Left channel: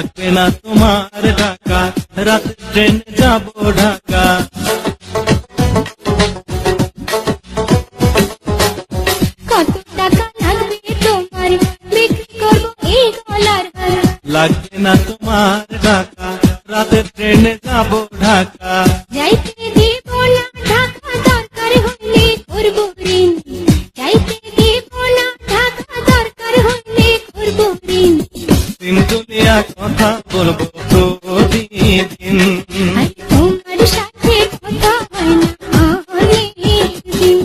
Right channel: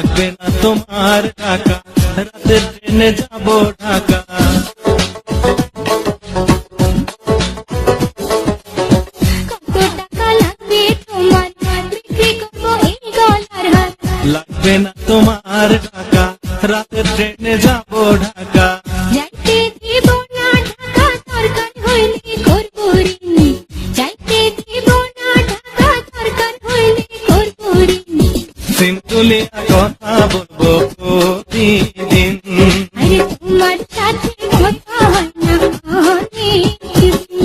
লাগবে না তোমার টাকা, রাতের ট্রেনে যাব ঢাকা। কত টাকা লাগবে তোমার, বিক্রি করব এই গলার হার। লাগবে না তোমার টাকা, রাতের ট্রেনে যাব ঢাকা। যাইতে দিব না ঢাকা, দরকার হইলে করব ঋণ। যাইতে দিব না ঢাকা, দরকার হইলে করব ঋণ। সিম তুলিয়া কথা বলবো প্রতিদিন। আরে তোমার সাথে কথা হয় না অনেক দিন।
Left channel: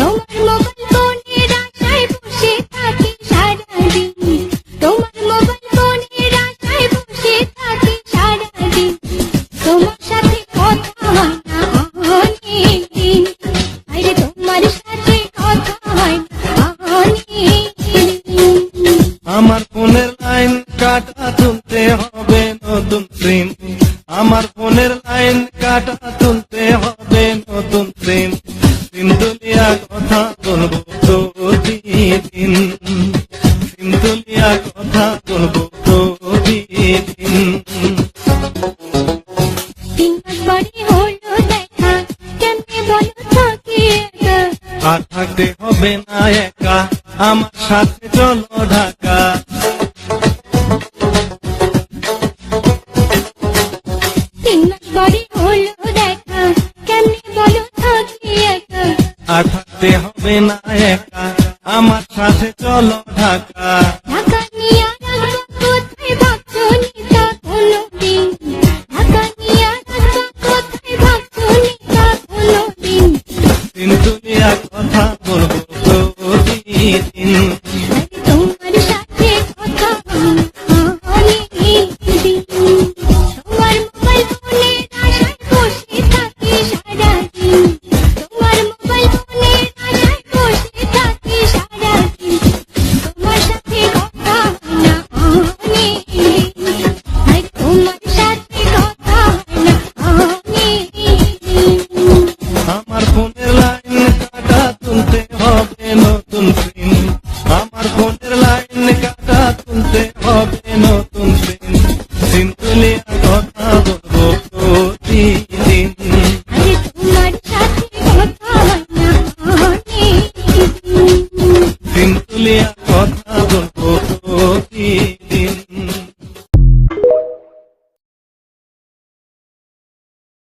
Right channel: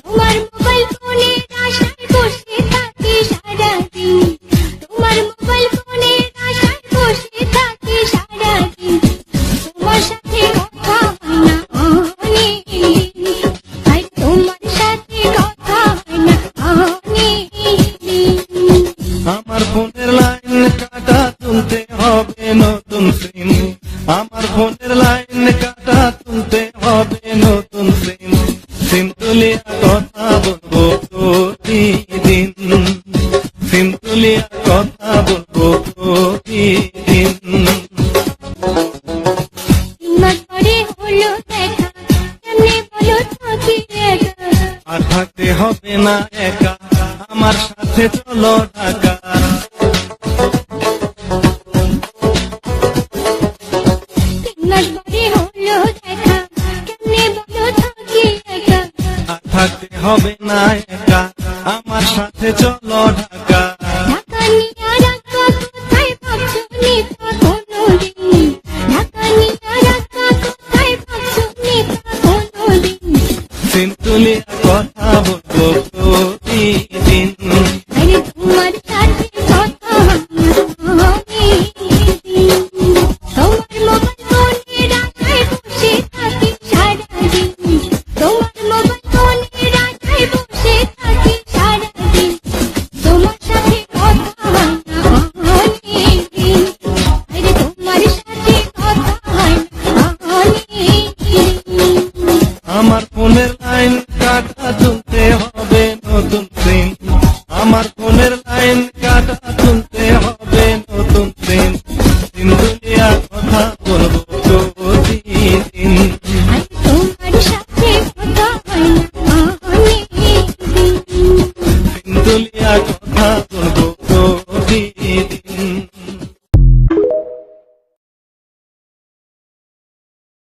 তোমার মোবাইল ফোনের আশায় বসে থাকি সারাদিন। তোমার মোবাইল ফোনের আশায় বসে থাকি সারাদিন। তোমার সাথে কথা হয় না অনেক দিন। আরে তোমার সাথে কথা হয় না অনেক দিন। আমার ফোনের লাইন কাটা, তুলতে হবে নতুন সিম। আমার ফোনের লাইন কাটা, তুলতে হবে নতুন সিম। সিম তুলিয়া কথা বলবো প্রতিদিন। সিম তুলিয়া কথা বলবো প্রতিদিন। 3 মাস পরে হলো দেখা, কেমনে বলো থাকি একা। আর থাকতে হবে না একা, আমার সাথে চলো ঢাকা। 3 মাস পরে হলো দেখা, কেমনে বলো থাকি একা। আর থাকতে হবে না একা, আমার সাথে চলো ঢাকা। ঢাকা নিয়ে রাখবা কোথায় ভাবছো নিতা কোনোদিন। ঢাকা নিয়ে রাখবা কোথায় ভাবছো নিতা কোনোদিন। সিম তুলিয়া কথা বলবো প্রতিদিন। আরে তোমার সাথে কথা হয় না অনেক দিন। তোমার মোবাইল ফোনের আশায় বসে থাকি সারাদিন। তোমার মোবাইল ফোনের আশায় বসে থাকি সারাদিন। তোমার সাথে কথা হয় না অনেক দিন। আরে তোমার সাথে কথা হয় না অনেক দিন। আমার ফোনের লাইন কাটা, তুলতে হবে নতুন সিম। আমার ফোনের লাইন কাটা, তুলতে হবে নতুন সিম। সিম তুলিয়া কথা বলবো প্রতিদিন। আরে তোমার সাথে কথা হয় না অনেক দিন। সিম তুলিয়া কথা বলবো প্রতিদিন।